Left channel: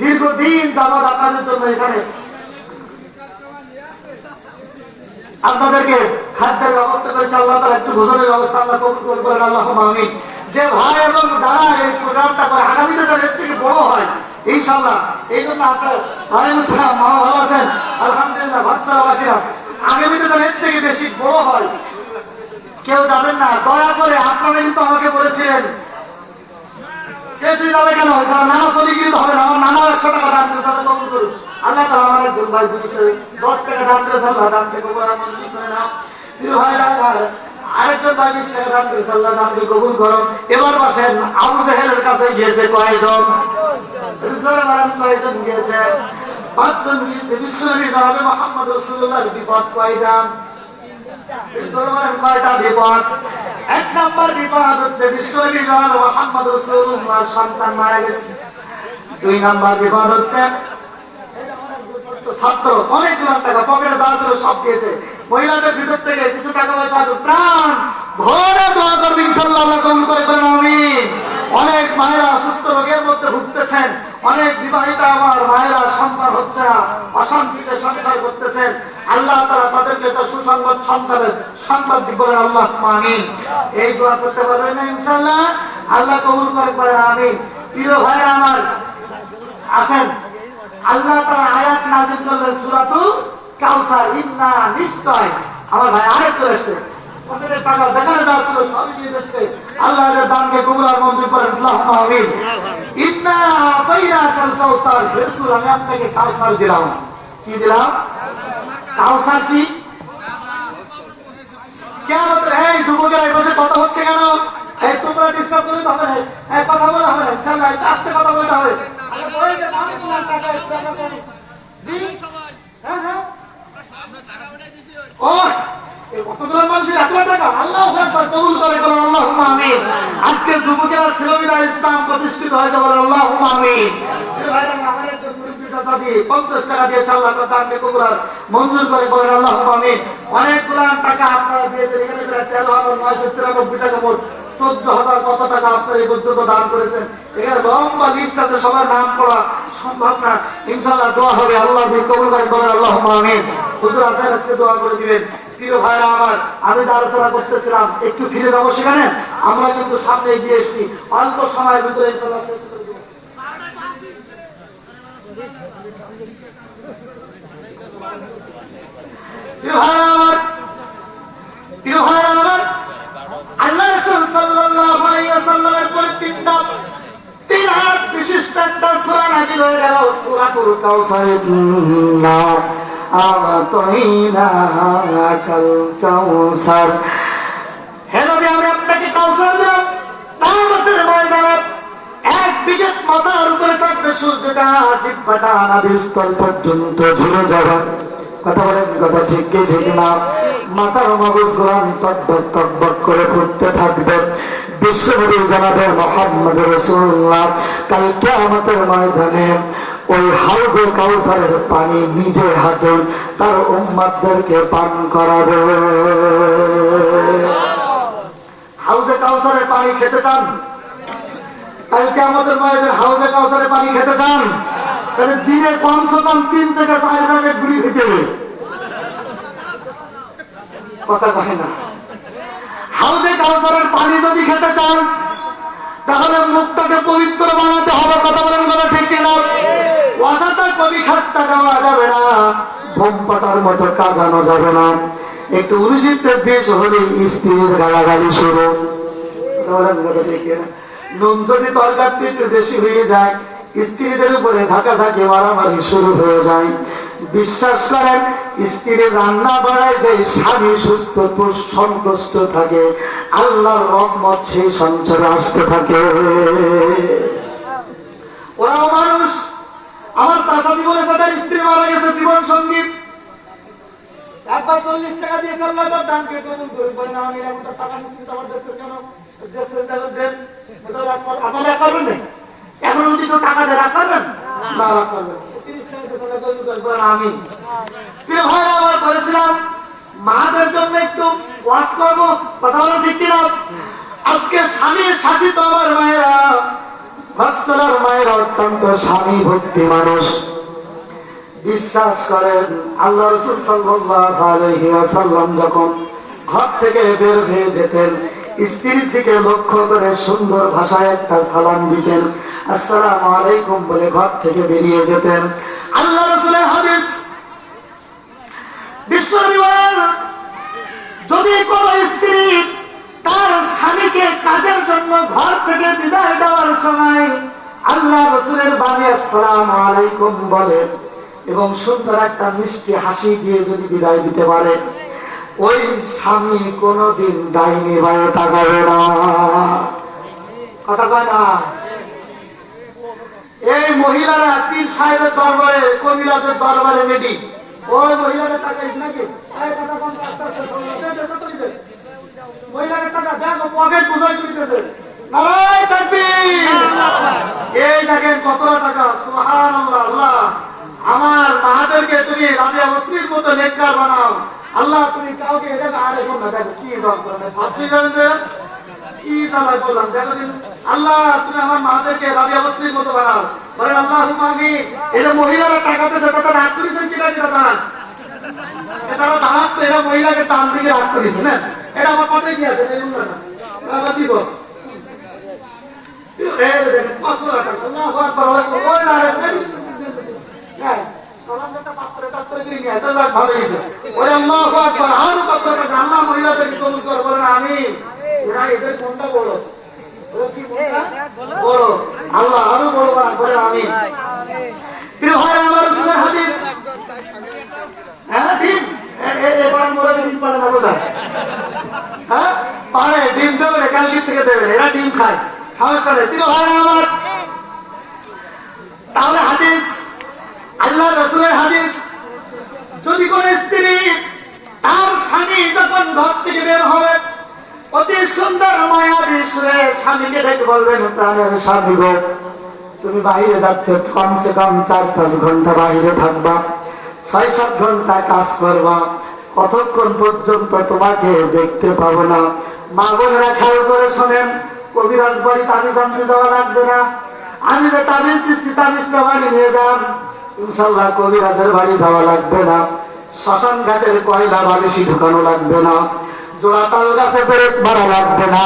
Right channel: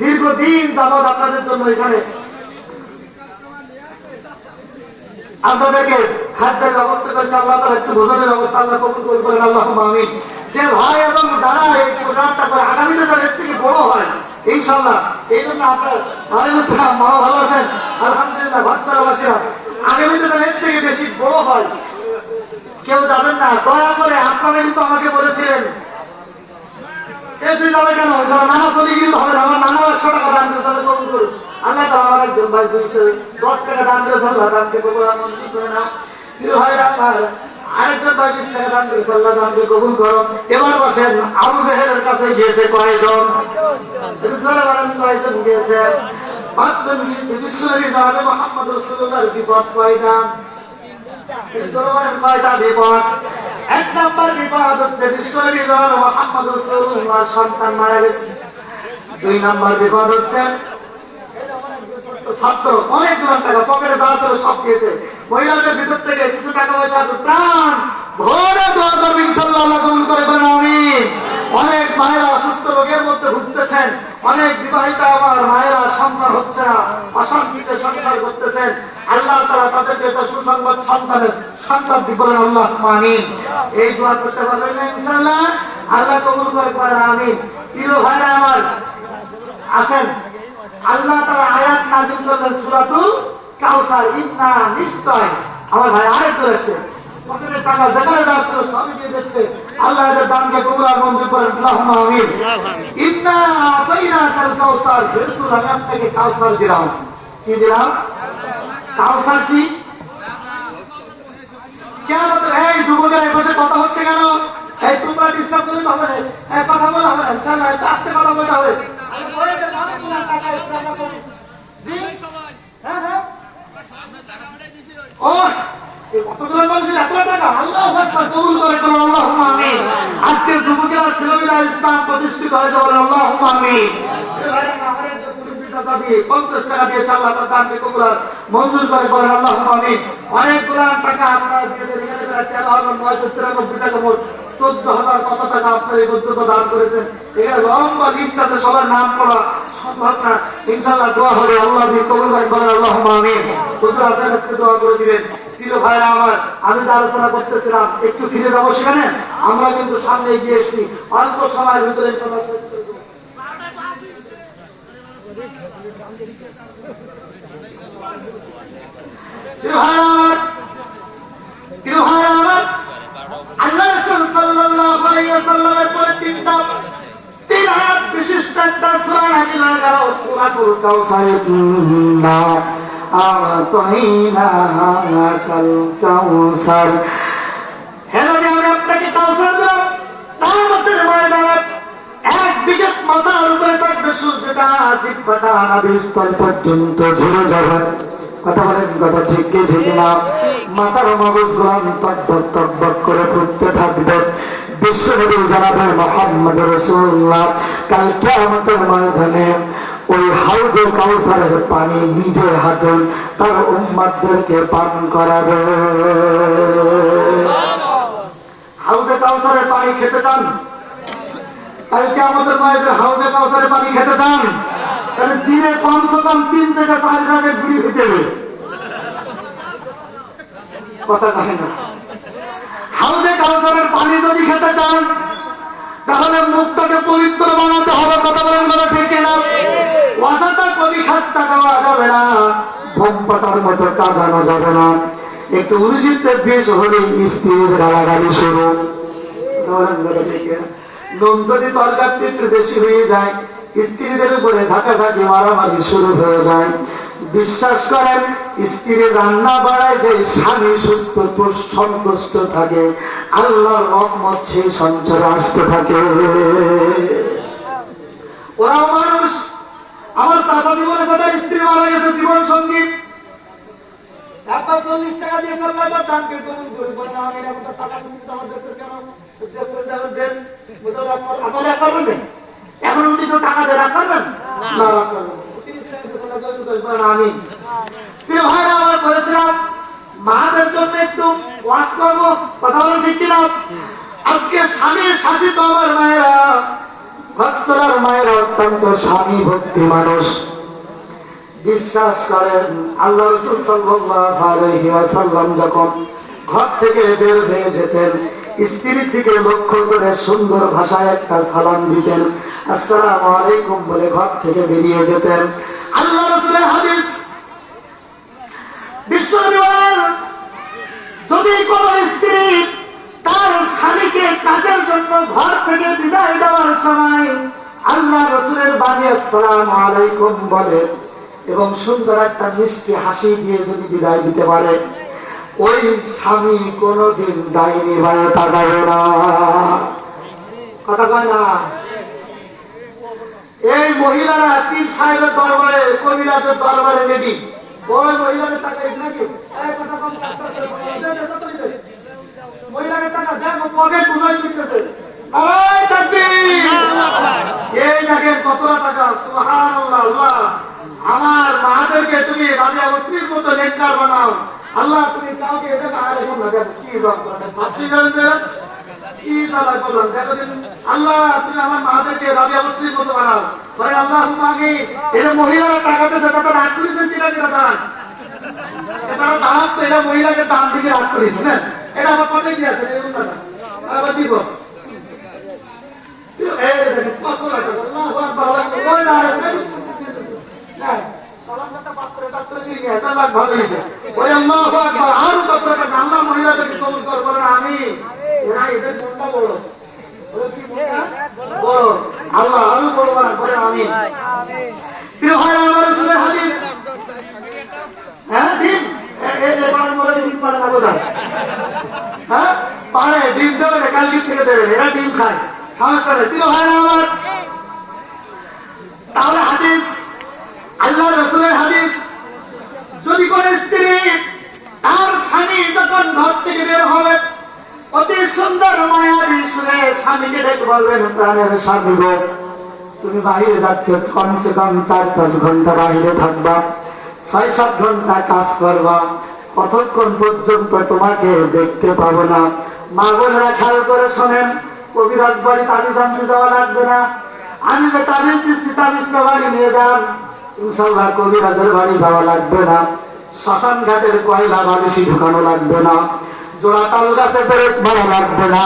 দীর্ঘদিন যাবৎ আপনাদের জন্য এখানে আপনাদেরকে খাদ্যের ব্যবস্থা করেছে আল্লাহ তাআলা, একটু ভোজনের ব্যবস্থা আল্লাহ কবুল করেন, আল্লাহুম্মা আমিন। যে ভাই এবং যারা এই প্রোগ্রামটা করে আগামীতে যেন এর থেকে বড় হয় ইনশাআল্লাহ, এই জন্য আপনার ওয়ালাইকুম আসসালাম, মা ভালো আছেন? আলহামদুলিল্লাহ, বাচ্চারা বাসীরা আগামীতে যেন এর থেকে বেশি বড় হয় কেউ যাবেন না, দয়া করে। আপনারা কিন্তু আমাকে বলেছিলেন যাবে কেন নানা চলে গিয়ে হবে, আমার নানা 100 টাকা দান করে কবুল করুন আল্লাহ তাআলা, আমার একজন ভাই 210 টাকা দান করে আল্লাহ দান করে আরেকজন ভাই 20 টাকা দান করে আল্লাহ দান করে কবুল করো। এবার বসেন, আবু জাহেলের কাছে গিয়েছে কয়জন? কয়জন গিয়েছে? 5 জন গিয়েছে। বিশ্বনবী জনাবে মুহাম্মদ রাসূলুল্লাহর বিপদ কয়টা? কয়টা বিপদ? 1 নম্বর বিপদ হচ্ছে বিশ্বনবী জনাবে মুহাম্মদ রাসূলুল্লাহর সন্তান মারা গেছে। 2 নম্বর বিপদ হচ্ছে ছাত্র অনেক লাখ টাকা পকেটে যা ছিল সব দিয়েছে, মহিলাদের ভিতর থেকে কিছু টাকা পয়সা প্রাণ ভরে দোয়া করবে ইনশাআল্লাহ, আল্লাহ কবুল করে দেন, আমিন। অনেক মায়েরা সুস্থ রোগের মধ্যে ভুগতেছেন, অনেক বিবাহিতা আমার মায়েরা সন্তান হচ্ছে না, অশান্তিতে সংসার করতেছেন, আল্লাহ তাআলা তাদেরকে সুসংবাদ সন্তানের সংবাদ দিবেন, আল্লাহুম্মা আমিন। এই দোয়া করতে পারবেন না ইনশাআল্লাহ, আল্লাহ কবুল করে করেন, আমিন। প্রিয় ভাইরা আমার আসেন, আল্লাহ তাআলা আয়াত নাযিল করলেন সূরাতুল কাউসার, ইন্না নিশ্চয়। আমার ভাই আরেক করেছে পকেটের টাকা যেখানে যাচ্ছে সবই দিয়ে দিচ্ছে, আল্লাহ এর দানকে কবুল আর মঞ্জুর করেন, আল্লাহুম্মা আমিন। ইন্না আতাইনাকাল কাউসার, রাসূল আমি আপনাকে কাউসার দিলাম। কি দিলাম? কাউসার কি? কেন এই যুবকেরা বসে কথা হচ্ছে কেন? এই তোমরা ডিস্টার্ব করলে হবে না, এই কথা বলা হবে না, ইনশাআল্লাহ আস্তে কথা বলতে হবে। আজকে যুবকেরা ছেলেমেয়েরা ইসলাম প্রতিষ্ঠিত হয়েছে, বলে আল্লাহুম্মা আমিন। 50 টাকা দিয়েছে, আল্লাহ তাআলা কবুল আর মঞ্জুর করে, বলেন আল্লাহুম্মা আমিন। অনেকগুলো টাকা আপনারা দিয়েছেন, এখানে 13,993 টাকা মোট 14,000 কত টাকা আপনারা এই পর্যন্ত দান করেছেন। এর লম্বা লিস্ট আছে, সবার নাম পড়া সম্ভব না, ইনশাআল্লাহ দোয়া হবে, আল্লাহ কবুল করে, বলেন আল্লাহুম্মা আমিন। হুজুর আছেন, আজকে দোয়া করে দিবেন। প্রিয় ভাইরা আমার, আমি যে আলোচনা করতেছিলাম একটু ফিরে যাবো সেখানে, আমরা কিন্তু সামনে এগিয়ে এসেছি, অল্প সময়ের ভিতরে ইনশাআল্লাহ শেষ করে দেব। প্রিয় ভাইরা আমার, প্রিয় ভাইরা আমার, আল্লাহ রাসূল সাল্লাল্লাহু আলাইহি ওয়াসাল্লামের পর 3 আয়াত বিশিষ্ট একটা সূরা নাযিল হয়ে গেল, সূরাতুল কাউসার। ইন্না আতাইনাকাল কাউসার, হে নবী আমি আপনাকে কাউসার দিলাম, কিয়ামতের ময়দানে 1 বিঘত মাথার উপরে থাকবে সূর্যটা, জিহ্বাটা নাভিস্থল পর্যন্ত ঝুলে যাবে। কথা বলেন, কথা ঠিক কি ঠিক না? মাথার মগজ গোলাম তকবক তকবক করে পড়তে থাকবে। বিশ্বনবী জনাবে মুহাম্মদ রাসূলুল্লাহ কাল কিয়ামতের ময়দানে ওই হাউজে কাউসারের পানি নিজে হাতে তার উম্মতদেরকে পান করাবে। হাউজে কাউসারের পানি খেতে চান? কাল কিয়ামতের ময়দানে হাউজে কাউসারের পানি খেতে চান? দিনে কমসে কম 3 থেকে 4 ভাগে গুলি খেতে হবে। কথা কয় না? হাউজে কাউসারের পানি যদি খেতে চান তাহলে মুখটাকে পবিত্র বানাতে হবে। কথা বলেন, কথা ঠিক না? ওয়াসাটা কবি খাস্তা দেওয়া যাবে না, বোম পাটার মতো কাজানো যাবে না। একটু 19-20 হলে স্ত্রীর গালাগালি শুরু। নুন যদি তরকারিতে একটু বেশি হয়ে যায়, স্ত্রীদের উপরে ঝাঁকাঝাঁকি মারামারি শুরু হয়ে যায়। বিশ্বাস করেন, স্ত্রী রান্না বাড়ায় যে স্বামী সুস্থ সন্তুষ্ট থাকে, আল্লাহর রহমত সেই সঞ্চারে আসতে থাকে। ওরাও মানুষ। আমার চাচাদি বলেছে তার স্ত্রী মারা গেছে, জীবন সঙ্গী 40 টাকা দিয়েছে, আল্লাহ তার দানকে কবুল করবে না। আমি এরকম টাকা দিচ্ছি তোমার দেশে কেন? দেশের দেন আপনারা করবেন না। এখন যদি কেউ টাকা দেয় রাখ করবেন না, রাখ করবেন 30 টাকা দিয়েছে, আমি প্রিয় ভাইরা আমার বলেছিলাম মাদের জন্য একটু ওয়াজ করবো। কথা বলো ঠিক কিনা? আজকে স্বামীর শাসিত আমার মায়েরা আজকালের মায়েরা অত্যন্ত স্বামী ভক্তি মানুষ, বিশ্বাস করেন আল্লাহ রাসূল সাল্লাল্লাহু আলাইহি ওয়াসাল্লাম যখন ঘর থেকে বের হয়ে যেতেন, স্ত্রীর দিকে লক্ষ্য করে সুন্দর ভাষায় একটা সালাম দিতেন, আসসালামু আলাইকুম বলে ঘর থেকে বেরিয়ে যেতেন। আল্লাহ রাসূলের হাদিস, বিশ্বনবী যদি কোন স্ত্রী তার স্বামীকে কাজের জন্য ঘর থেকে বিদায় দেওয়ার সময় আল্লাহ রাসূলের বাণী আসসালামু আলাইকুম বলে এবং সুন্দর একটা মিষ্টি হাসি দিয়ে যদি বিদায় দিতে পারে, ওই স্বামী কোনদিন ডাইনি বায়ে তাকাবে না। কথা কয় না? এই মহিলারা পীর সাহেবের দরবারে, কবিরাজের দরবারে রেডি। ওই মহিলাদের টাকা ইস নাকি? মহিলাদের টাকা দেখো পকেট বুঝাই দিতেছে। এই দেখেন কত টাকা, সুবহানাল্লাহ। আল্লাহ আমার মাদেরকে তুমি রাবিয়া বস্তির মতো নেককার বানাও। আল্লাহ তুমি কাউকে এদের আরে শুন না, কি দরকার কি তালায় বললাম, দেখো দিন আল্লাহ তুমি আমার মাদেরকে রাবিয়া বস্তির মতো বানাও। ধরেন আল্লাহ আগে এটা মহিলারা টাকাতে সেটা তো রাত করেছেন কিনা টাকা, এটা দাঁড়াতে এরা মহিলাকে দাম দিকে রাত করেছে না, এটা আমার পাঠিয়ে দিয়েছে আবার কি বল আল্লাহ আরো বড় আমি পারে ডিম দেবে কালকে থেকে দেবে, এরা ডিম খায়, সমস্যা নেই। তাহলে হাদিস, আল্লাহ রাসূলের হাদিস, যদি কোন স্ত্রী তার স্বামী যখন ঘর থেকে বের হবে অতি সুন্দর মায়াবী সুরে স্বামীকে ডেকে বলবেন, প্রাণের স্বামী গো, তুমি বাহিরে যাচ্ছ, কমসে কম 4-5 ঘন্টা বাহিরে থাকবা, 6-7 ঘন্টা কাজ করবা, কতক্ষণ পর্যন্ত তোমাকে দেখতে পাবো না। মা বোনেরা খেয়াল করে শোনেন, কবিরাজ বাড়ি তাবিজ আনতে যাওয়া লাগবে না। আমি যে তাবিজ দিচ্ছি তাবিজটা বাড়ি নিয়ে যান, ইনশাল্লাহ কবিরাজের বাড়ি যাওয়া লাগবে না। শ্মশান ঘাটের কয়লা বালিশি ঢুকানো লাগবে না, জোড়া তাল গাছে ব্রেক মারা লাগবে না,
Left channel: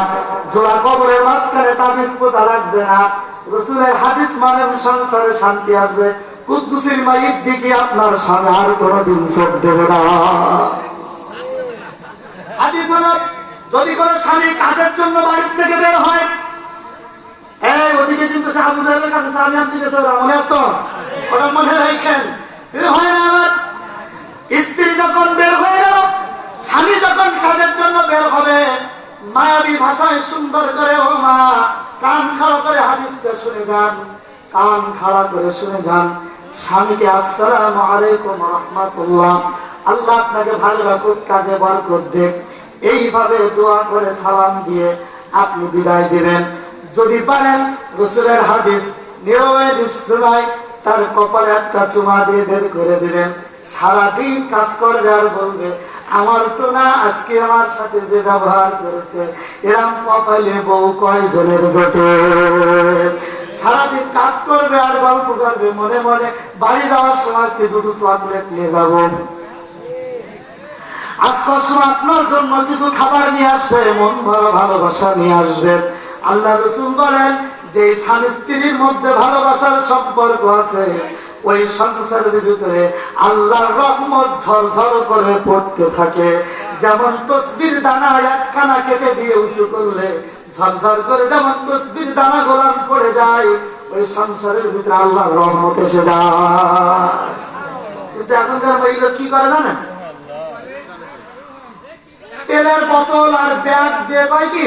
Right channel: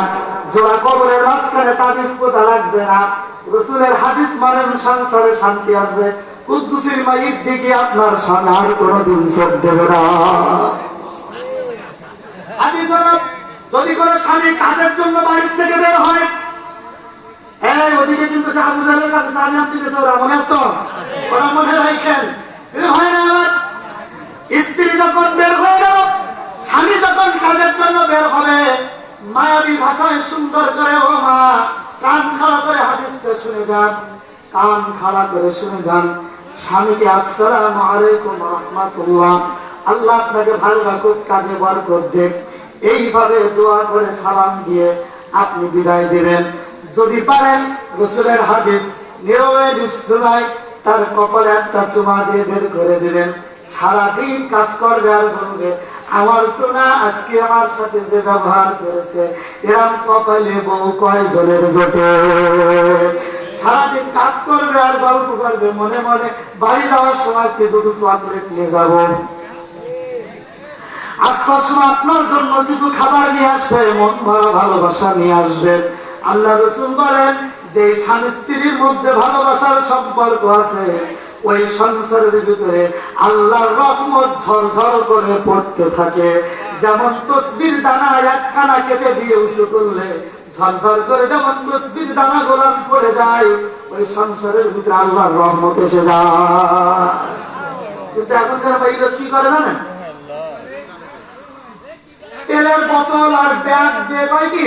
জোড়া কবরের মাঝখানে তাবিজ পোতা লাগবে না। রাসূলের হাদিস মানেন সংসারে শান্তি আসবে। কুদ্দুসীর মাইয়ের দিকে আপনার সামনে আর কোনদিন চোখ দেবে না। হাদিস হলো, যদি কোন স্বামী কাজের জন্য বাড়ির থেকে বের হয়, এই ওদিকে কিন্তু সে আবু জাহেলের কাছে সামনে আপনি গেছে, ওরা মনে আসতো, ওরা মনে রাখেন। হয় না আমার স্ত্রী যখন বের হয়ে গেল, স্বামী যখন কাজের জন্য বের হবে, মায়াবী ভাষায় সুন্দর করে, ও মা কান খাড়া করে হাদিসটা শুনে যান, কান খাড়া করে শুনে যান। স্বামীকে আসসালামু আলাইকুম ওয়া রাহমাতুল্লাহ, আল্লাহ আপনাকে ভালো রাখুক, কাজে বরকত দেখ, এইভাবে দোয়া করে সালাম দিয়ে আপনি বিদায় দিবেন। যদি পারেন রাসূলের হাদিস নীরবে বিশ্বনায় তার কপালে একটা চুমা দিয়ে বের করে দিবেন। সারাদিন কাজ করবে আর বলবে, আমার তো না আজকে আমার সাথে যে ব্যবহার করেছে এরম কপালে বউ কয়জনের জোটে। সারাদিন কাজ করবে আর গল্প করবে, মনে মনে বাড়ি যাওয়ার সময় দুটো চকলেট নিয়ে যাবো, আসার সময় আপনার জন্য কিছু খাবার নিয়ে আসবে, মন ভরা ভালোবাসা নিয়ে আসবে। আল্লাহ রাসূল বলেন, যে স্বামী স্ত্রীর মধ্যে ভালোবাসার সম্পর্ক আছে, ওই সংসারের ভিতরে আল্লাহর রহমত ঝরঝর করে পড়তে থাকে। যেমন তসবির দানা একখানা কেটে দিয়ে উঁচু করলে ঝরঝর করে যেমন তসবির দানা গোলাম পড়ে যায়, ওই সংসারের ভিতরে আল্লাহর রহমত এসে যায়। কিন্তু এখনকার মহিলা কি করে জানেন, তেলের বোতল আর ব্যাগ দিয়ে কয় কি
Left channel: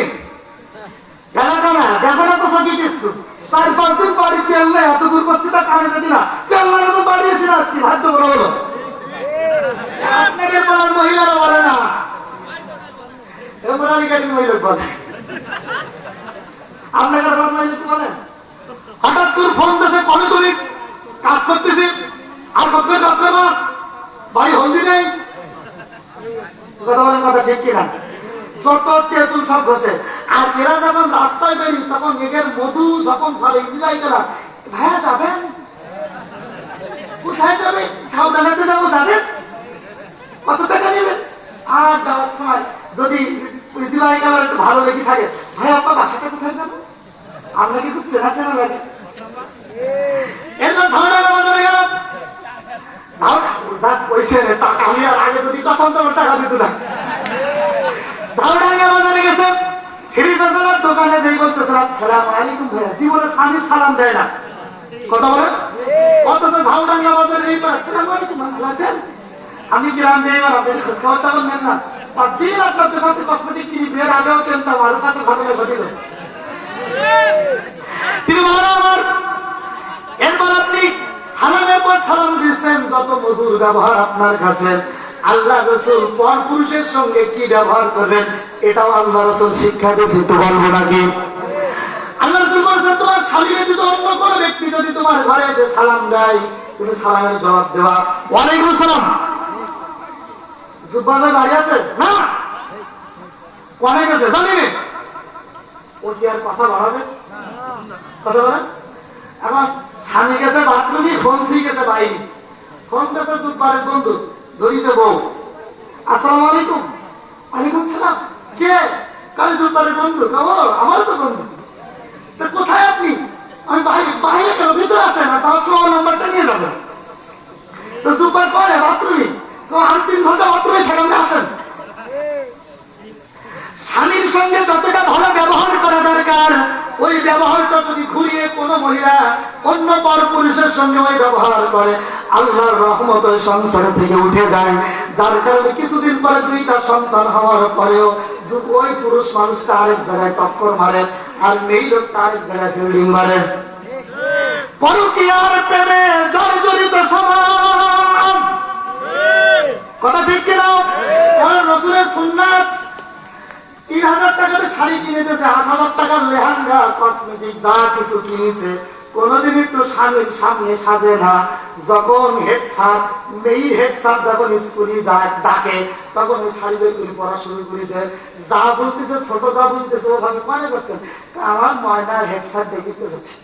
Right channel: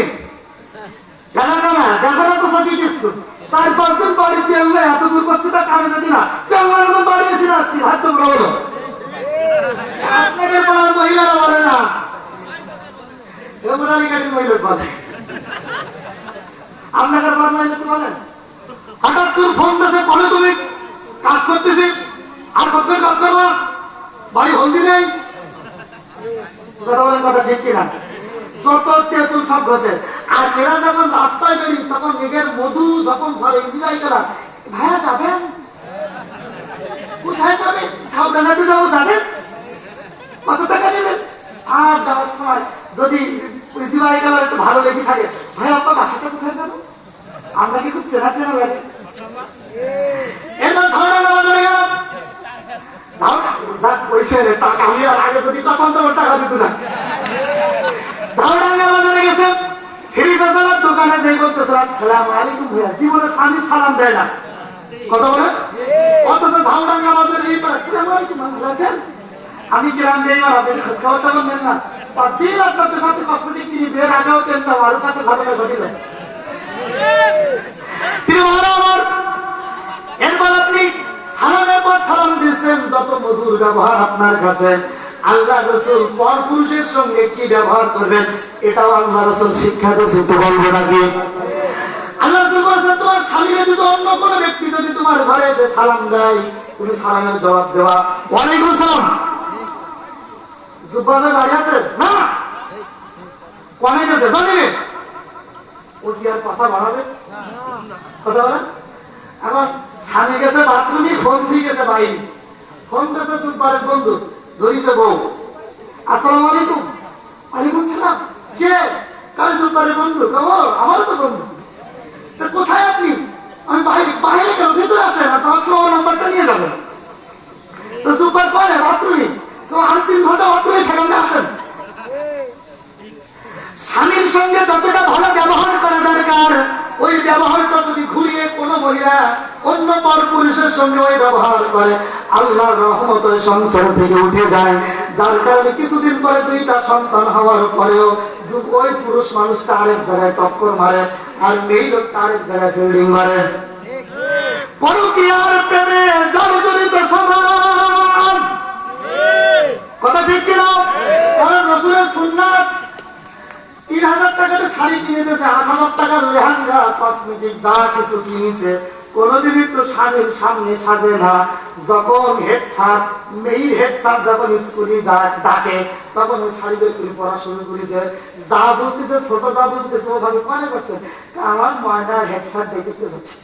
দেখো না, দেখো না তো সবই কিছু 4-5 দিন বাড়ি তেল নেই, এত দূর করছি তা কানে যদি না তেল মানে তো বাড়ি এসে আসছি ভাদ্য বলা হলো। আপনাকে মহিলারা বলে না, মহিলা বলে, আপনাকে মহিলা বলেন। হঠাৎ তোর ফোন দেশে কবে তুমি কাজ করতেছি, আর করতে কাজ করবো, বাড়ি হলদি নেই, কথা বলেন, কথা ঠিক কিনা? যত তেঁতুল সব বসে। আর এরা যখন রাস্তায় বেরিয়ে তখন মেঘের মধু যখন ধরে ইসরায়েল জান্নাতে যাবো, যাবেন? কত টাকা নেবেন? আর যাওয়ার সময় যদি ইসলামাই গেল একটু ভালো লেগে থাকে, ভাই আপনার বাসাটা কোথায় যাবো? আমরা কি খুব চেনা চেনা লাগে? এরপর ঝাউডাঙ্গা বাজারে গেলাম। টাকা হলে আগে যদি তখন তোমার টাকা দিত না। ঝাউডাঙ্গা বাজারে গেছে, থ্রি বাজারের দোকানে যেই বলতেছে আসসালামু আলাইকুম ভাইয়া, জীবনে স্বামী সালাম দেয় না, কথা বলে। অথচ ঝাউডাঙ্গা বাজারে যেই আসসালামু আলাইকুম ভালো আছেন, আমি গ্রাম যাই না, আপনি খোঁজ খবরটা বলবেন না। আর দিন আপনার দোকান থেকে কসমেটিক কিনি, বের আগেও কিনতাম, আরো কাছে ঘটনা ঘটিল। আমার এরপর আপনি সালামের পর সালাম দিচ্ছেন, যত মধুর ব্যবহার আপনার কাছে। আল্লাহ রসুল পর পুরুষের সঙ্গে কি ব্যবহার করবেন এটাও আল্লাহ রসুল শিক্ষা দিয়েছে, তো বলবো নাকি? আল্লাহ রসুল বলছেন তোমার স্বামী ব্যতীত অন্য কোন ব্যক্তি যদি তোমার ঘরে এসে সালাম দেয়, তুমি সালামের জবাব দেওয়া ওয়ালাইকুম সালাম। জুব্বানের বাড়ি আছে না, কমে গেছে জানি, ও কি আর কথা বাড়াবে? কথা বলেন। এখন স্বামী গেছে বাথরুমে, ফোন দিয়ে গেছে বাইরে, ফোন দিয়েছে জুব্বানের বন্ধু, ধরিছে বউ, আসসালামু আলাইকুম। ওয়ালাইকুম সালাম। কে? কাল জুব্বানের বন্ধু। আমার তো বন্ধু। কোথায় আপনি? আমি বাইরে। বাইরে কেন? ভিতরে আসে না, তার সময় নাম্বারটা নিয়ে যাবেন। তো জুব্বার করে বাথরুমে, তো আর 3 ঘন্টা বাথরুমে খেলাম, আসেন। স্বামীর সঙ্গে যতটা ভালো ব্যবহার করা দরকার, ওই ব্যবহারটা যদি ঘুরিয়ে কোন মহিলা অন্য পর পুরুষের সঙ্গে ওই ব্যবহার করে, আল্লাহর রহমত ওই সংসার থেকে উঠে যায়। যার কারণে কিছুদিন পরে 2টা সন্তান হওয়ার পরেও ওই পুরুষ মানুষটা আরেক জায়গায় টক্কর মারে, আর মেয়ে লোকটা আরেক জায়গায় ফিল্ডিং মারে। পরকীয়ার প্রেমে জর্জরিত সমাজ, কথা ঠিক কিনা? কারণ রাসূলের সুন্নাত 3000 টাকাতে শাড়ি কিনে দিয়েছে, 8000 টাকার লেহেঙ্গা, কসমেটিক যা কিছু কিনেছে, কোনদিন একটু স্বামীর সামনে সাজে না। যখন হেড স্যার, মেয়ে হেড স্যার যখন স্কুলে ডাকে, তখন ওই শাড়ি দিয়ে পড়া শুরু করেছে। যা বলতেছে, ছোট যা বলতেছে, ওভাবে পড়া যাচ্ছে। আমার ময়নার হেড স্যার দেখতে যাচ্ছে,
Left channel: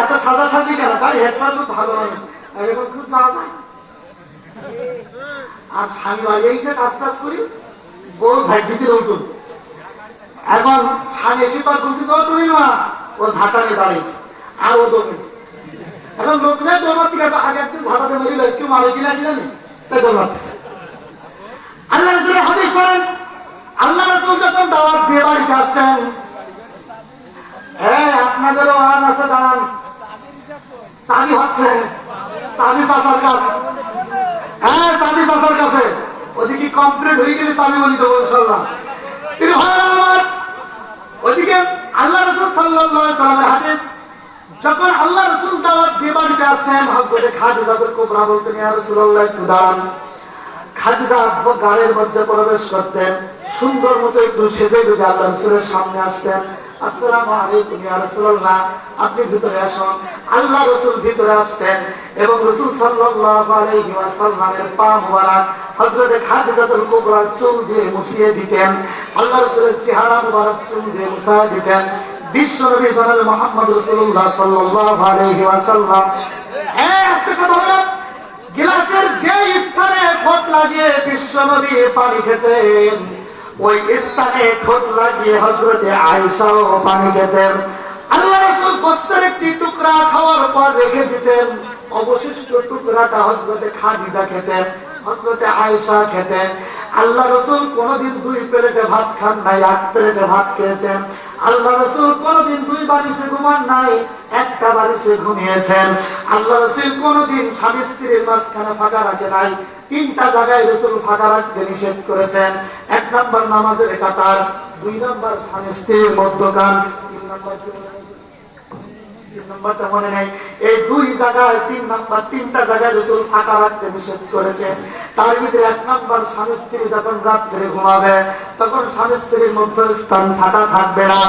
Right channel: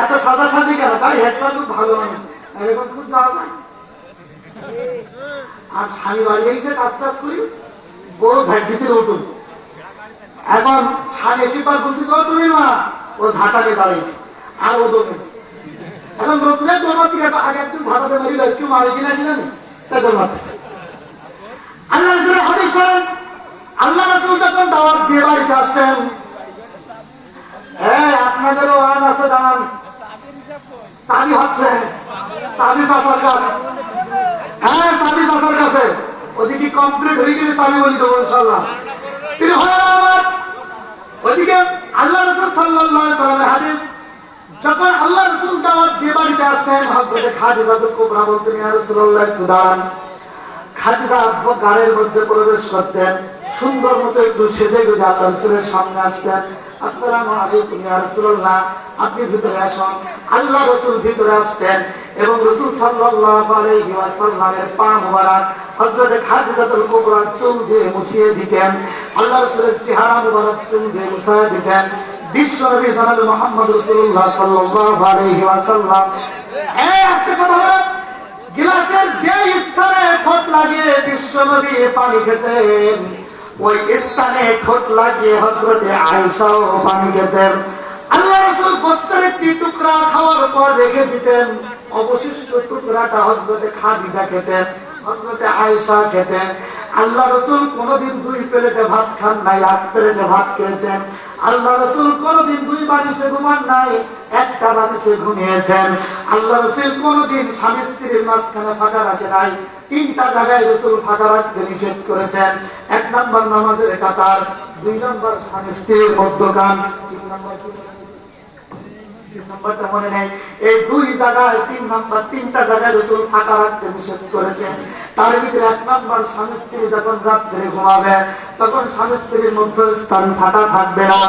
এত সাজা সাজি কেন? তাই হেড স্যার খুব ভালো মানুষ, এরকম খুব যাওয়া যায়। আর স্বামী বাড়ি এসে কাজ টাজ করি, বউ ঝাঁটিতে উঠুন। এখন স্বামী এসে পর বলতেছে, তুমি মা, ও ঝাঁটানে দাঁড়িয়েছে, আর ও দৌড়েছে। এখন লোকলে দৌড়াতে আগে একটু ঝাঁটাতে মরি, কেউ মারে কিনা কি জানি, তাই দৌড়াতেছে। আল্লাহ রসুলের হাদিস শোনেন, আল্লাহ রসুল যখন দাওয়াত দিয়ে বাড়িতে আসতেন, হ্যাঁ আপনাদেরও আন আছে, দান চাবি হচ্ছে, চাবি চাষার কাজ, হ্যাঁ চাবি চাষার কাছে, ওদিকে কমপ্লিট হয়ে গেলে চাবি বলি দেবো ইনশাআল্লাহ। ওদিকে আল্লাহ রাসূল সাল্লাল্লাহু আলাইহি ওয়াসাল্লামের হাদিস, যখন আল্লাহ রাসূল দাওয়াত দিয়ে বাড়িতে আসতেন, হযরত খাদিজাতুল কুবরা বলতেন, ইয়া রাসূলুল্লাহ একটু দাঁড়ান। খাদিজা গাড়ির মধ্যে প্রবেশ করতেন, সুন্দর মতো একটু সেজে গুজে আল্লাহ রাসূলের সামনে আসতেন। আসসালামু আলাইকুম ইয়া রাসূলুল্লাহ, আপনি ভিতরে আসুন। আল্লাহ রাসূল ভিতরে আসতেন এবং রাসূল সাল্লাল্লাহু আলাইহি ওয়াসাল্লামের পা মুবারক হযরত খাদিজাতুল কুবরার চুল দিয়ে মুছিয়ে দিতেন। আল্লাহ রাসূলের চেহারা মুবারক চুল দিয়ে মুছিয়ে দিতেন। বিশ্বনবী জনাব মুহাম্মদ রাসূলুল্লাহ সাল্লাল্লাহু আলাইহি ওয়াসাল্লাম আস্তে কথা বলেন, গ্লাসের যে স্থানে ঠোঁট লাগিয়ে বিশ্বনবী পানি খেতেন, ওই স্থানে ঠোঁট লাগিয়ে হযরতে আয়েশাও পানি খেতেন। আল্লাহ রাসূল গোস্তের একটি টুকরা খাওয়ার পর রেখে দিতেন, অবশিষ্ট টুকরাটা হযরতে খাদিজা খেতেন, হযরতে আয়েশা খেতেন। আল্লাহ রাসূল কোনদিন 2 প্লেটে ভাত খান নাই, 1 প্লেটে ভাত খেয়েছেন। আল্লাহ রাসূল কোনদিন 2 বালিশে ঘুমান নাই, 1টা বালিশে ঘুমিয়েছেন। আল্লাহ রাসূল কোনদিন স্বামী স্ত্রীর মাঝখানে ফাঁকা রাখে নাই, 3টা জায়গায় রাসূল ফাঁকা রাখতে নিষেধ করেছেন। 1 নম্বর নামাজের কাতার, 2 নম্বর স্বামী স্ত্রীর মধ্যখান, 3 নম্বর কি নম্বরটা মনে নেই, এই 2 জায়গায় 3 নম্বর 3টা জায়গায় রাসূল ফাঁকা রাখতে নিষেধ করেছেন। তার ভিতরে 1 নম্বর স্বামী স্ত্রী যখন রাত্রে ঘুমাবে, তখন স্বামী স্ত্রীর মধ্যস্থান ফাঁকা থাকবে না।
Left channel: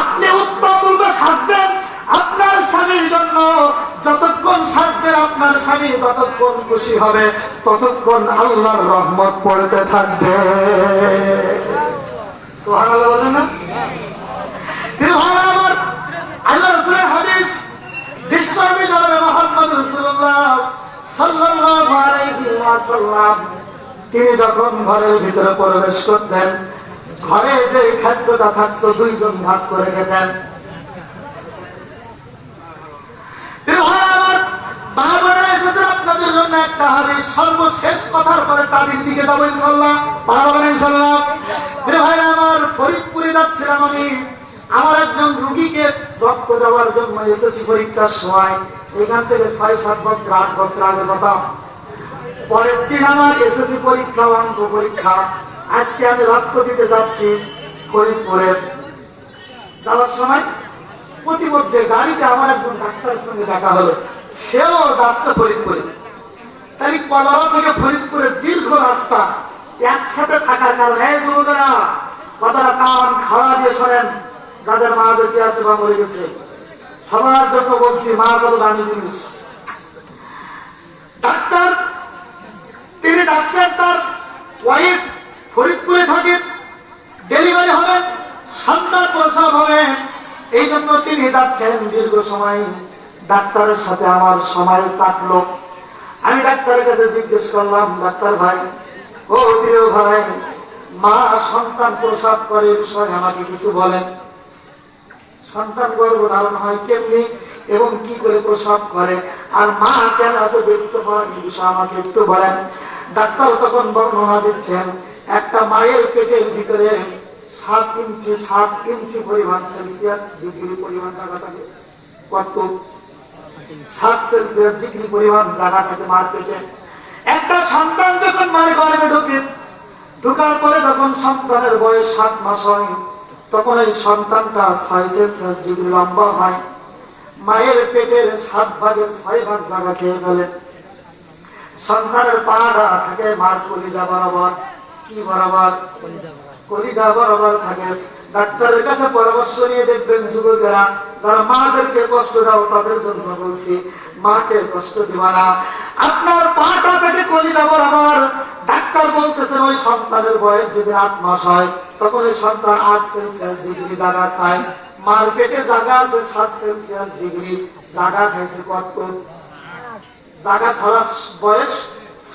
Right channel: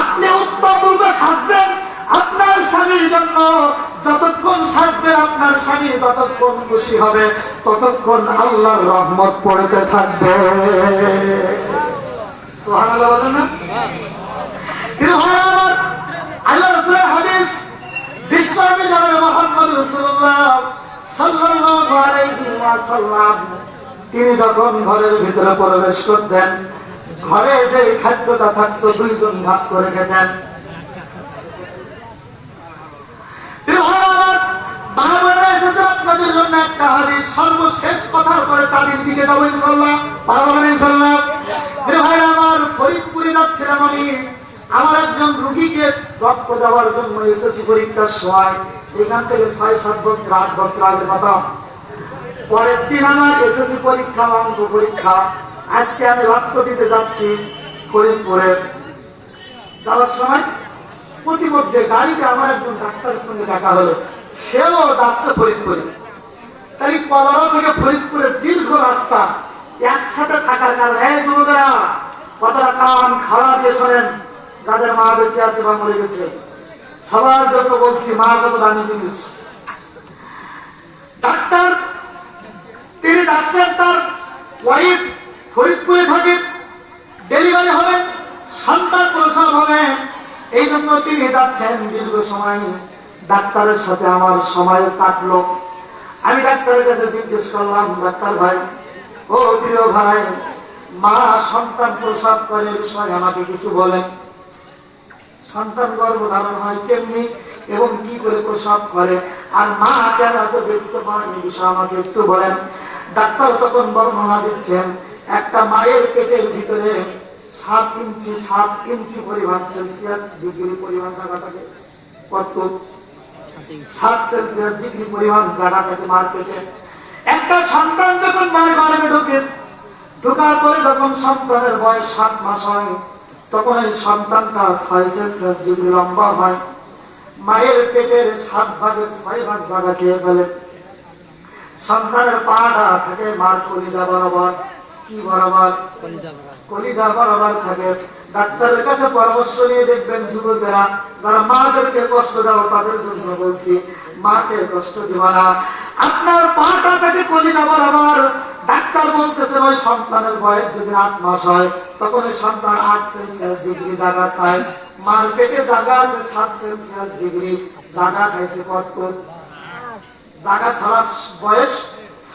আপনি উত্তম রূপে সাজবেন আপনার স্বামীর জন্য, যতক্ষণ সাজবেন আপনার স্বামী যতক্ষণ খুশি হবে, ততক্ষণ আল্লাহর রহমত পড়তে থাকবে। সুবহানাল্লাহ বলেন না? আল্লাহ রাসূলের হাদিস, বিশ্বনবী জনাব মুহাম্মদ রাসূলুল্লাহ সাল্লাল্লাহু আলাইহি ওয়াসাল্লাম তিনি যখন ঘরের ভিতরে প্রবেশ করতেন, ঘরে যে খাদ্যটা থাকতো দুইজন ভাগ করে খেতেন। আপনাদের জন্য একটা হাদিস, সর্বশেষ কথার পরে চাবির দিকে যাবো ইনশাআল্লাহ। আমার ফরিদপুরে যাচ্ছিলাম আমি, আমার একজন রুগীকে রক্ত দেওয়ার জন্য এসেছি পরীক্ষার সময়। এখান থেকে 6-7 বছর 8 বছর আগের কথা। পরের দিন আমার এসেছি পরীক্ষা, অঙ্ক পরীক্ষা। আজকে আমি রক্ত দিতে যাচ্ছি ফরিদপুরে। যাওয়ার সময় প্রতিমধ্যে গাড়িতে আমার একজন ডাক্তারের সঙ্গে দেখা হলো, সেও যাচ্ছে ফরিদপুরে। তাই কলারা থেকে ফরিদপুরের দীর্ঘ রাস্তা একসাথে থাকার কারণে এই যুবকেরা কথাটা কান খাওয়া দিয়ে শোনেন, যাদের মা বেঁচে আছে বা মরে গেছে সবার জন্য বলছি, মা কত দামি জিনিস। ডাক্তার তিনি ডাক্তার, তার ওয়াইফ ফরিদপুরে থাকে, ডেলিভারি হবে, সন্তান প্রসব হবে, এই জন্য তিনি যাচ্ছেন দীর্ঘ সময়। ডাক্তারের সাথে আমার সময় কাটলো। আমি ডাক্তারের কাছে জিজ্ঞেস করলাম, ডাক্তার ভাই, ও প্রিয় ভাই, মা সন্তান প্রসব করে বিষয়ে আমাকে কিছু বলেন। সন্তান গর্ভধারণ হয় কেমনি এবং কি করে প্রসব করে, আর মা কেন এত ব্যক্ত হয় এই বিষয়ে আমাকে একটু বলেন। ডাক্তার তখন বর্ণনা দিচ্ছেন, একটা মায়ের পেটের ভিতরে 7 ইঞ্চি পরিমাণ সেলসিয়াস ডিগ্রি পরিমাণ জায়গা থাকে। কত? 7 সেলসিয়াস ডিগ্রি পরিমাণ জায়গা থাকে মার পেটে। একটা সন্তান যখন মায়ের গর্ভে ঢোকে, ঢোকার পরে যখন সন্তানের বয়স 7 মাস হয়, তখন এই সন্তানটা 6 সেলসিয়াস ডিগ্রি লম্বা হয়। মায়ের পেটের 7 ভাগের 6 ভাগ জায়গা খেয়ে ফেলে। সন্তানের পাটা থাকে মার কলিজা বরাবর। কি বরাবর? কলিজা বরাবর থাকে। ডাক্তারের কাছে পরামর্শ নিয়ে দেখবেন যুবকেরা, যারা মাদেরকে কষ্ট দাও তাদের জন্য বলছি, মাকে কষ্ট দিবা না। আপনার পাটা পেটে কলিজা বরাবর। ডাক্তার বলতেছেন ওই সন্তানের বয়স যদি 8 মাস হয়, তখন ওই সন্তান 8 সেলসিয়াস ডিগ্রি জায়গা খায়। মার পেটে জায়গা আছে 7 সেলসিয়াস ডিগ্রি, জায়গা খাইছে কত? জায়গা ছাড়া বয়স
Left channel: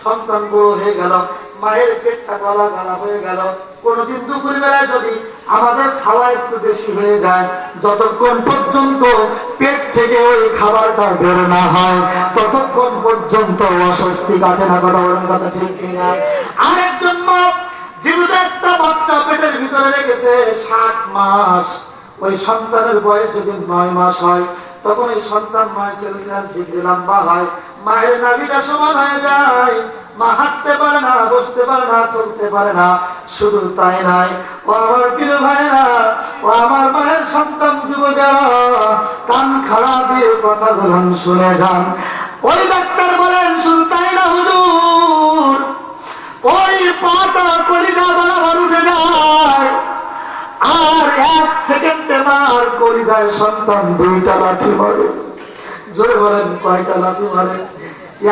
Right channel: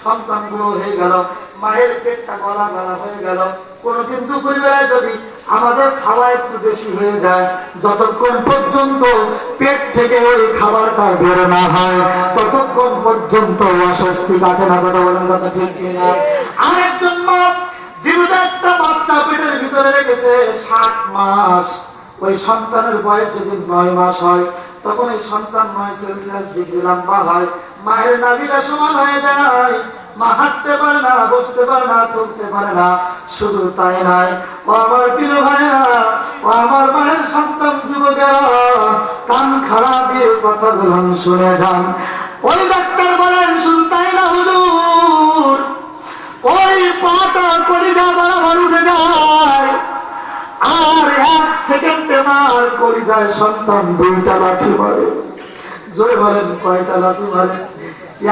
সন্তান বড় হয়ে গেল, মায়ের পেটটা গলা গলা হয়ে গেল। কোনদিন দুপুর বেলায় যদি আমাদের খাওয়া একটু বেশি হয়ে যায়, যতক্ষণ পর্যন্ত পেট থেকে ওই খাবারটা বের না হয় ততক্ষণ পর্যন্ত অস্বস্তি কাটে না। কথা বলেন, কথা ঠিক কিনা? আরেকজন মা জীবিত একটা বাচ্চা পেটের ভিতরে রেখেছে 7 মাস। ওই সন্তানের বয়স যদি 9 মাস হয়, তখন এই সন্তান 9 সেলসিয়াস ডিগ্রি লম্বা হয়। মায়ের নাভিটা সমান হয়ে যায়, মা হাঁটতে পারে না, বসতে পারে না, চলতে পারে না। শুধু তাই নাই, ও আমার প্রিয় ভাইরা, ও আমার মায়ের সন্তান যুবকেরা, কান খাড়া দিয়ে কথা বলেন, শুনে যান। ওই ডাক্তার বলেন, শুনতাই না হুজুর, ওই পাটা কলিজা বরাবর উঠে যায়, আর 1 সেকেন্ডে মার কলিজায় সন্তান 2টা লাথি মারে। জোরে বলেন, কয়টা লাথি মারে?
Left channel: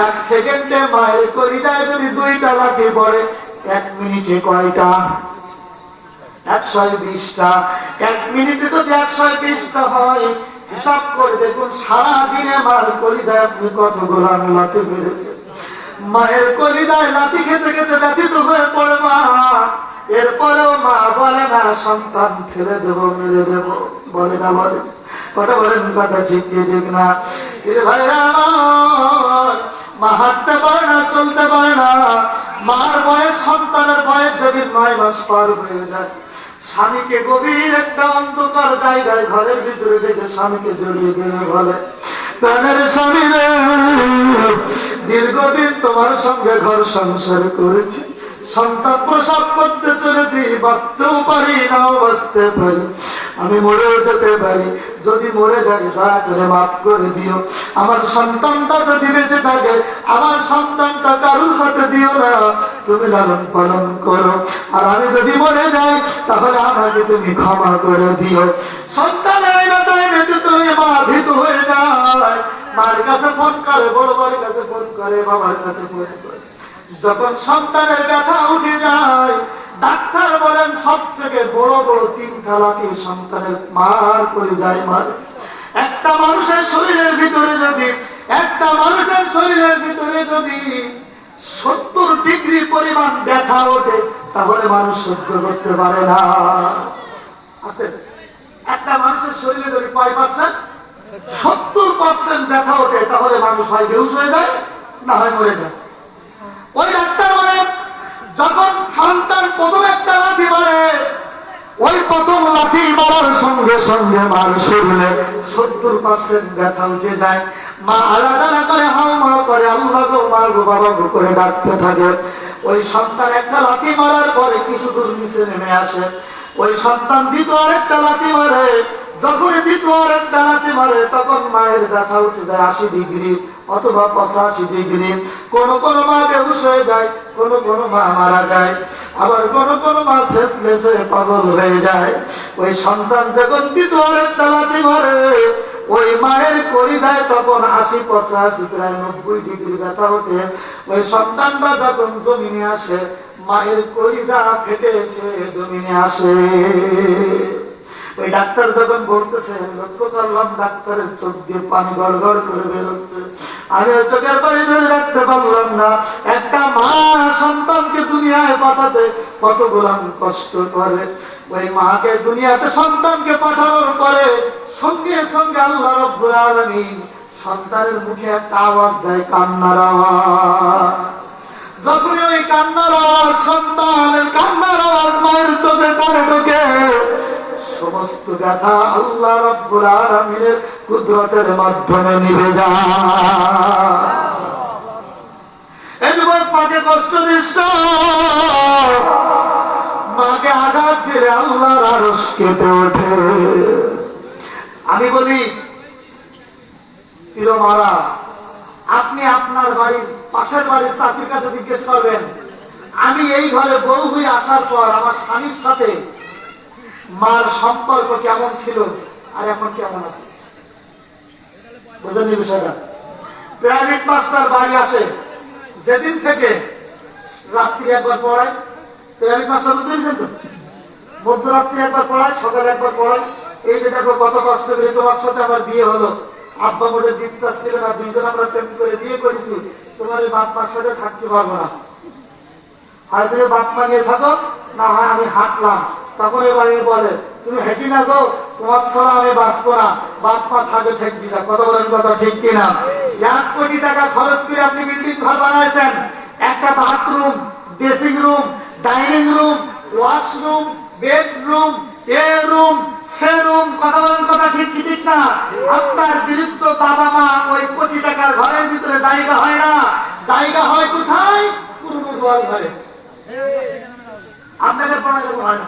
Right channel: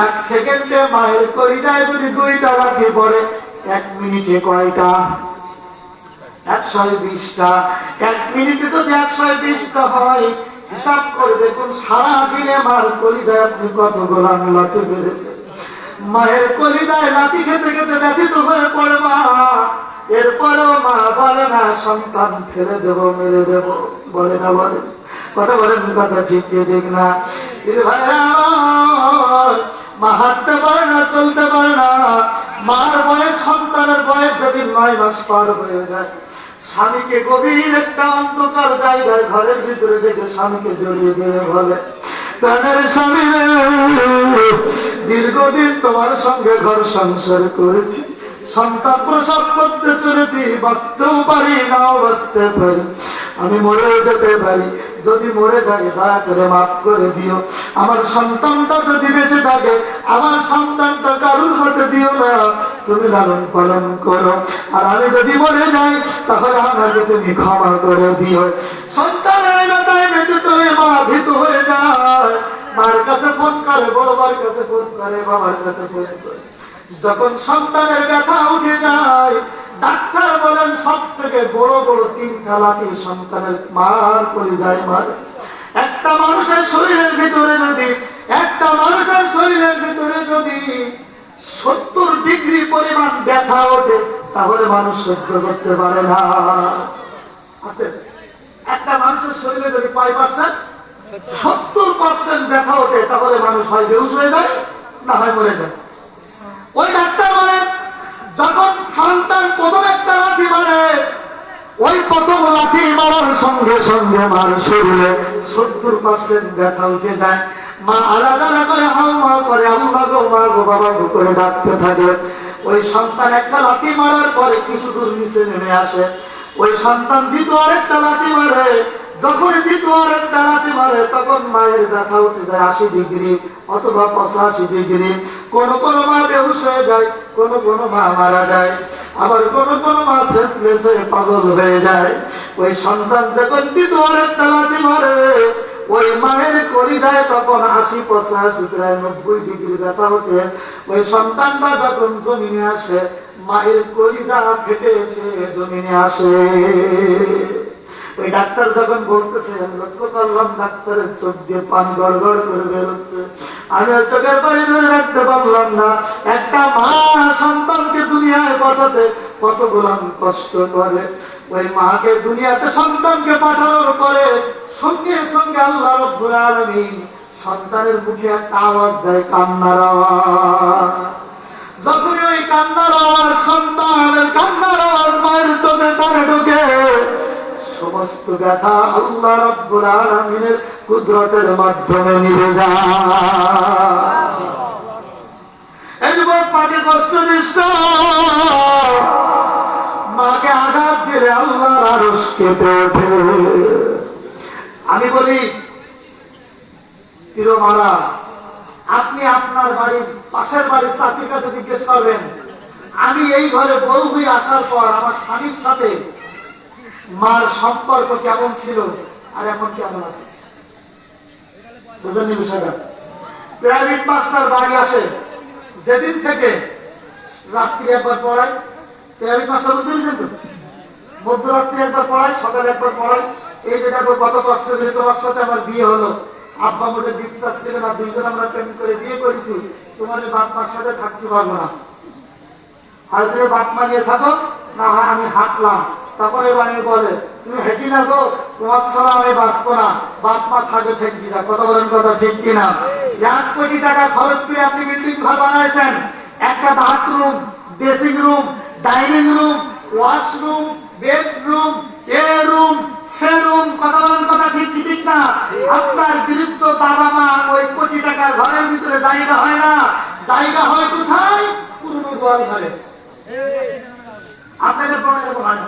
1 সেকেন্ডে মায়ের কলিজায় যদি 2টা লাথি পড়ে, 1 মিনিটে কয়টা? 120টা। 1 মিনিটে যদি 120টা হয়, হিসাব করে দেখুন সারাদিনে মার কলিজায় আপনি কতগুলো লাথি মেরেছেন। মায়ের কলিজায় লাথি খেতে খেতে ব্যথিত হয়ে পড়ে মা। এরপরেও মা বলে না সন্তান ফেলে দেব, মেরে দেব, বলে না? বলে। কথা বলেন, কথা ঠিক কি ঠিক না? ভাইরা, মা হাঁটতে পারে না, চলতে পারে না। মার বয়স, সন্তানের বয়স যদি 9 মাস পার হয়ে যায়, স্বামীকে গভীর একটা অন্ধকার জায়গায় ঘরের ভিতরে রেখে স্বামীকে জড়িয়ে দিয়ে বলে, প্রাণের স্বামী রে, দীর্ঘদিন তোমার সঙ্গে ঘর সংসার করেছি, সন্তান প্রসব করতে চলেছি, বাঁচতেও পারি, নাও বাঁচতে পারি, আমি মরেও যেতে পারি। যদি মরে যাই দয়া করে মাফ করে দিও। আমার সন্তানটা যদি বেঁচে থাকে, আমার সন্তানটা কারুর হাতে দিও না, তুমি লালন পালন করো। আর আমি যদি মরে যাই, তাহলে আমাকে তুমি ক্ষমা করে দিও। সন্তানের ব্যথায় ব্যথিত হয়ে মা ভীত হয়ে যায়। মার কাছে ফোন করে, বড় মার কাছে ফোন করে, বাবার কাছে ফোন করে। যখন সন্তানের ব্যথা উঠে যায়, ডাক্তার বলেন সবচেয়ে বড় বড় 3টা লাথি সন্তানের মার করে যায়। মার একটা মানুষের শরীরের ভিতরে যদি একটা মানুষের শরীরের ভিতরে যদি 70 ডিগ্রি পরিমাণ ব্যথা ওঠে তাহলে মানুষ সহ্য করতে পারে না। একটা মানুষের শরীরে যদি কয় পার্সেন্ট 70% ব্যথা ওঠে তাহলে মানুষ হয় বেহুশ হয়ে যায় না হয় মরে যায়। ওই ডাক্তার বলেন যখন সন্তান প্রথম একটা লাথি মারে ওই প্রথম লাথি মারার সঙ্গে সঙ্গে মার শরীরে 70% ব্যথা উঠে যায়। মা আলাদা করে হাও হাও করে আল্লাহ গো মা গো বাবা গো করে ডাকতে থাকে। ওই সন্তান একটা লাথি মারার পরে কিছু দূর নিচে নেমে আসে। ওই সন্তান দ্বিতীয় আরেকটা লাথি মারে, যখন দ্বিতীয় আরেকটা লাথি মারে তখন মায়ের ব্যথা উঠে যায় 80 ডিগ্রি অথবা 85 ডিগ্রি। কোন কোন মা বেহুশ হয়ে যায়, কোন কোন মা মারা যায়, আবার কোন কোন মা শেষমেশ হয়ে পাগল হয়ে যায়। ওই সন্তান যখন দ্বিতীয় আরেকটা লাথি মারে ওই মায়ের কলিজায় তখন 80, 85 প্রায় 90 ডিগ্রি ব্যথা ওঠে। ওই সন্তানরা যখন জমিনে আসে মায়ের কলিজা ফেটে এসে জমিনে আসে। ওই ডাক্তার যখন বলতেছে লক্ষ্য করলাম ডাক্তারের চোখ দিয়ে পানি গড়গড় করে বেরোচ্ছে, আমি চোখের পানি ধরে রাখতে পারলাম না। একটা মা সন্তানকে দুনিয়ায় পাঠাতে কতগুলো কষ্ট করে। ওই মাকে দুনিয়াতে সন্তানকে পাঠানোর পরে সঙ্গে সঙ্গে আল্লাহ রাব্বুল আলামিন সন্তানের মুখে একটা আওয়াজ দেয়, কান্নার আওয়াজ। যখন ওই কান্নার আওয়াজ, সন্তানের কান্নার আওয়াজ মায়ের চোখে কানে ঢোকে, সমস্ত ব্যথা আল্লাহ রাব্বুল আলামিনের কুদরতের মাধ্যমে নিভে যায়। এই যুবক মাকে কষ্ট দিস না, মাকে আঘাত দিলে আল্লাহর আরশ কেঁপে ওঠে। আমি বলি তিরমারা, আপনি আপনার বাড়ির পাশের বাড়ির চাচির কাছে জিজ্ঞেস করবেন আমি এই ঘরে বউ হয়ে আসার পর আমার স্বামীর সাথে মার সম্পর্ক কেমন ছিল আর এখন কেমন আছে। বুঝেননি বিষয়টা? প্রাইভেট মাস্টার বাড়ি আসে যেদিন থেকে রাত্রি একবার পড়ায়, প্রাইভেট মাস্টার বুঝতে পেরেছেন তো, মধ্যরাত্রি একবার পড়ায়, সকালে একবার পড়ায়। এই যে দেখো কত কষ্ট করে তোমার সাথে আমার বিয়ে হলো, আব্বা মোটে দিতে চাচ্ছিল না, দুইজন আমরা প্রেম করে বিয়ে করেছি, তোমার এই বাপ মার সাথে থাকতে পারবো না, আর তুমি বাপ মা নিয়ে থাকো না, হয় আমি হাঁটলাম। তখন এবার বলে তুমি হেঁটি না গো, তোমার ছাড়া আমি বাঁচবো না, বাপ মা থাকে ঠেকি যা। কথা বলেন, কথা ঠিক কিনা? 1 কোটি টাকা খরচ করে আপনি বিল্ডিং ঘর বানাইছেন, একটা bathroom, dressing room, dining room, washroom, bedroom, এ রুম, সে রুম। কথা বলেন, কথা ঠিক কি ঠিক না? আপনার বিলুপ্ত বাবা মা ওই কোটি টাকার ঘরের ভিতরে জায়গা হয় না, জায়গা হয় কোথায়? পুরনো গোয়াল ঘরে। আপনাদের পড়া হয় না।